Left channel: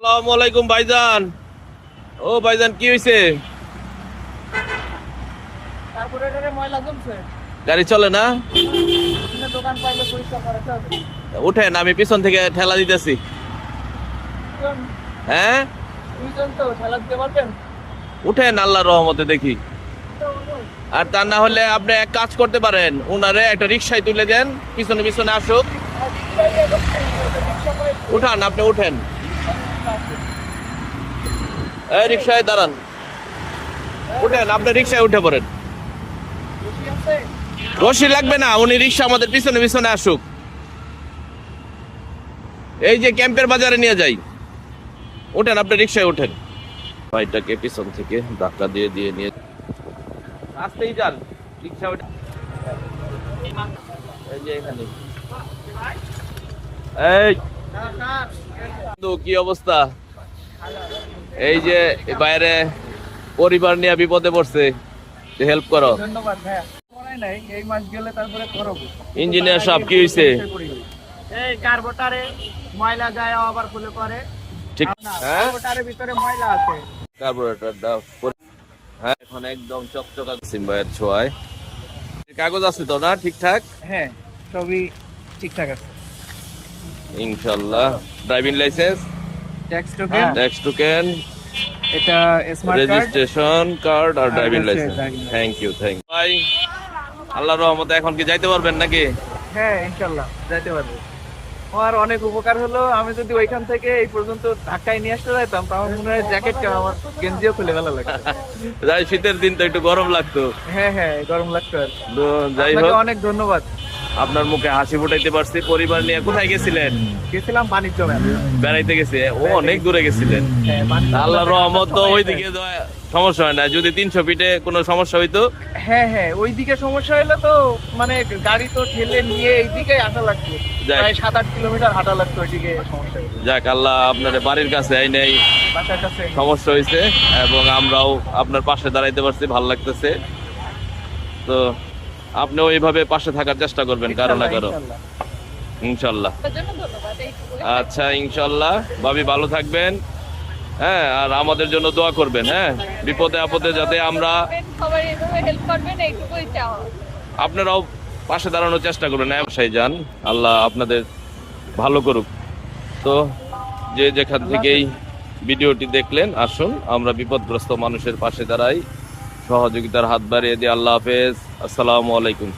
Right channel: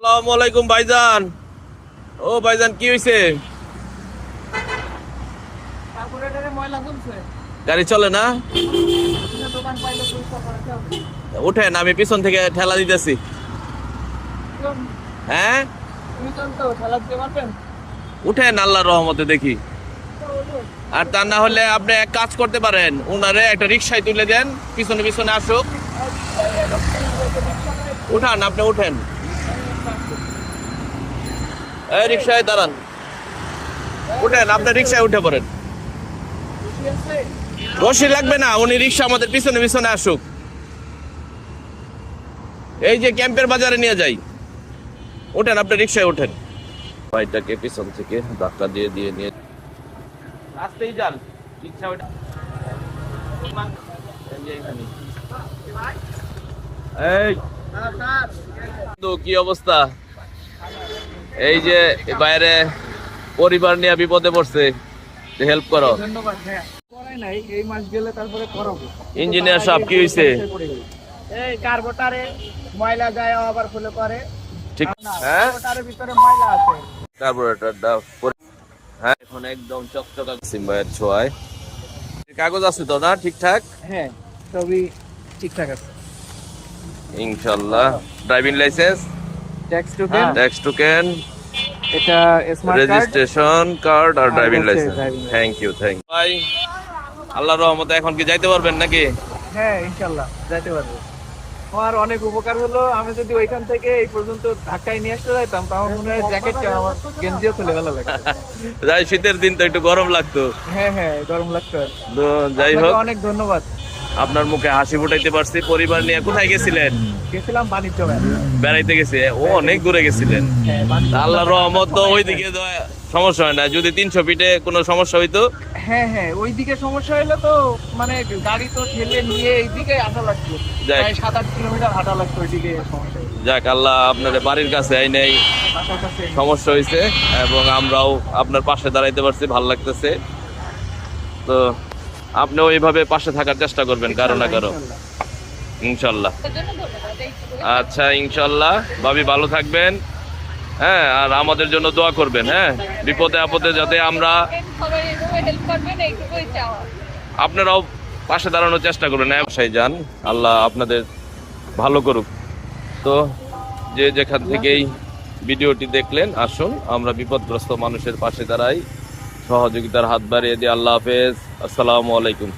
আসসালামু আলাইকুম ভাইজান। ও ভাইজান, কি হয়েছে? গাড়ি চলে না? উঠেন, আমি পিছন থেকে ঠেলা দিতেছি। হ্যাঁ, উঠেন, আল্লাহর রহমতে দেখি। আর তা না হলে আপনি এক কাজ করতে পারেন, উনারে একটা রিক্সায় তুলে দেন, পিছনে পিছনে আসুক। উঠান, আপনি উঠেন। এই রিক্সায় দাঁড়ান, উঠেন, আপনি রিক্সায় উঠে পড়েন। রশি লাগবে না, উনি রিক্সা আমাদের পিছনে পিছনে আসুক। এই যে ক্যাম্পের বাজারে নিয়ে যাই। উঠেন, আপনি রিক্সায় উঠেন। ভাইটাকে পিছন থেকে ধাক্কা দিয়ে দিয়ে নিয়ে আসতেই যান রিক্সা। এই তো কি অবস্থা? এই যে বাইরে পরিবার নিয়ে বিপদে পড়ছে, হেল্প করো। ইঞ্জিনিয়ার সাহেব, কি হয়েছে? এই কার্বোটারে ময়লা যায় আবার ফুলে পড়ে। ঠিক, হ্যাঁ, কার্বোটারের ভিতরে ময়লা আছে। কার্বোরেটর দাও। হ্যাঁ, এখন একদম চকচকা সিম্বায়ের ছোঁয়ায়। কাগজ আছে তো না ঠিকঠাক? হ্যাঁ, সবই ঠিকঠাক আছে ইনশাআল্লাহ। ড্রাইভিং লাইসেন্স, ট্যাক্স টোকেন, এটা স্মার্ট কার্ড, রেজিস্ট্রেশন কার্ড আর ড্রাইভিং হচ্ছে licence. driving license। Thank you ভাই। আল্লাহর রহমতে এখন কি যাইতে পারবেন নাকি? হ্যাঁ ইনশাআল্লাহ যাইতে পারবো। আমার অনেক উপকার হলো। আমি যদি ওইখান থেকে এই পর্যন্ত ধাক্কায় নিয়ে আসতে যাইতাম, তাহলে মনে হয় জ্যাকেটটা আমার গেঞ্জিও খুলে ভালো লাগতো। যাই, শীতের দিন তো একটু গরম লাগতো। হ্যাঁ হ্যাঁ, গরম লাগতো আর কি। তো যাই আপনাকে হোক, অনেক ধন্যবাদ। আপনার মুখে হাসি ফুটাইতে পারছি। পরিবার নিয়ে কোথায় গেছিলেন? গেছিলাম বাণিজ্য মেলা। বেড়াইতে গেছে? ও, অনেক দূরে গেছিলেন। হ্যাঁ, বাণিজ্য মেলা। আল্লাহর রহমত তো ওইদিকে সমস্যা হয় না। যদি 300 ফিটে কোনো সমস্যা হইতো। হ্যাঁ হ্যাঁ, ওইদিকে সমস্যা হলো তো, মানে গাড়ি তো ঠেলে নিয়ে এইদিকে আসা লাগতো। যাক। প্রায় 7-8 কিলোমিটার হাঁটা লাগতো ওইদিকে। সমস্যা হলো। যাক, আল্লাহ আপনার বাড়ির কাছে আই নাই, বাসার কাছে সমস্যা হয়েছে এবং আমরাও আপনার পাশে দাঁড়াইতে পারছি, ভালো লাগতেছে। তো আপনিও এইভাবে পাশে থাকার চেষ্টা করবেন কারো না কারো, ইনশাল্লাহ। আচ্ছা, ইনশাল্লাহ। ভাবি, ভালো থাকবেন। হ্যাঁ, আর আমাদের জন্য দোয়া করবেন। হ্যাঁ, বিপদে আপদে যাতে আমরা, আপনারাও পাশে দাঁড়ানোর চেষ্টা করবেন। বাসায় যান, আল্লাহ আপনাদের ভালো করুক। তো যে যেখান থেকেই ভিডিওটি দেখলেন, আসুন আমরা বিপদগ্রস্ত মানুষের পাশে দাঁড়াই, সহযোগিতার হাত বাড়িয়ে দিই। আল্লাহ হাফেজ, আসসালামু আলাইকুম।